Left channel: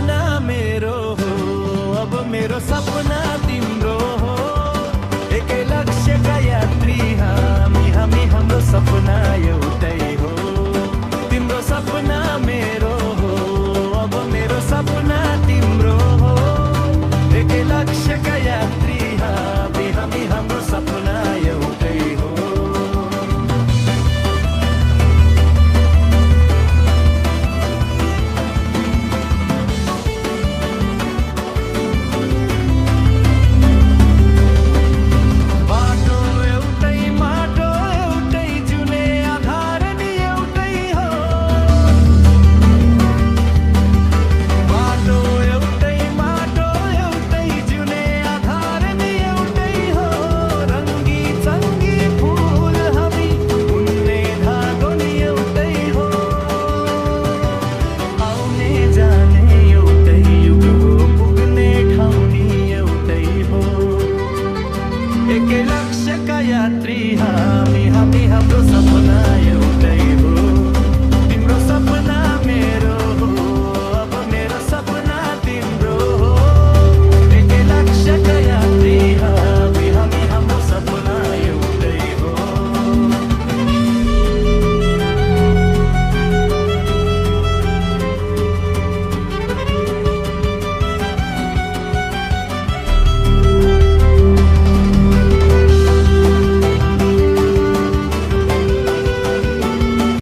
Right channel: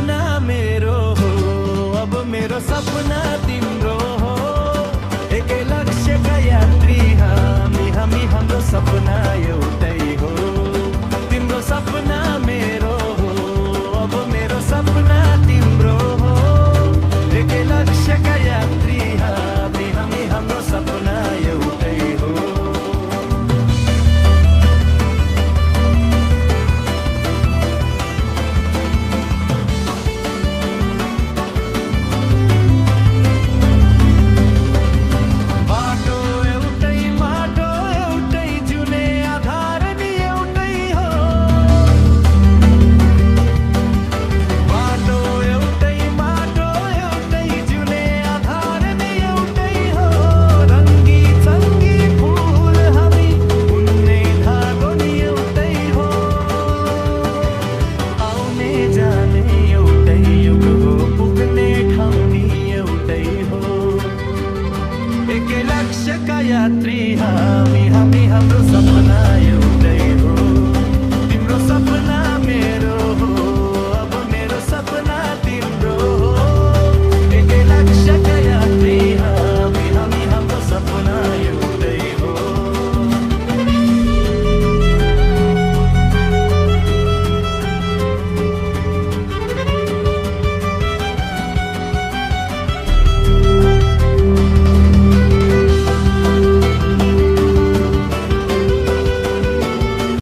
सपना मेरो हो, अब मेरो सपना तिम्रो हो। एकै लक्ष्यका यात्री हामी हाम्रो सपना एउटै हो। तिम्रो सपना मेरो हो, अब मेरो सपना तिम्रो हो। एकै लक्ष्यका यात्री हामी हाम्रो सपना एउटै हो। एकै लक्ष्यका यात्री हामी हाम्रो सपना एउटै हो। तिम्रो सपना मेरो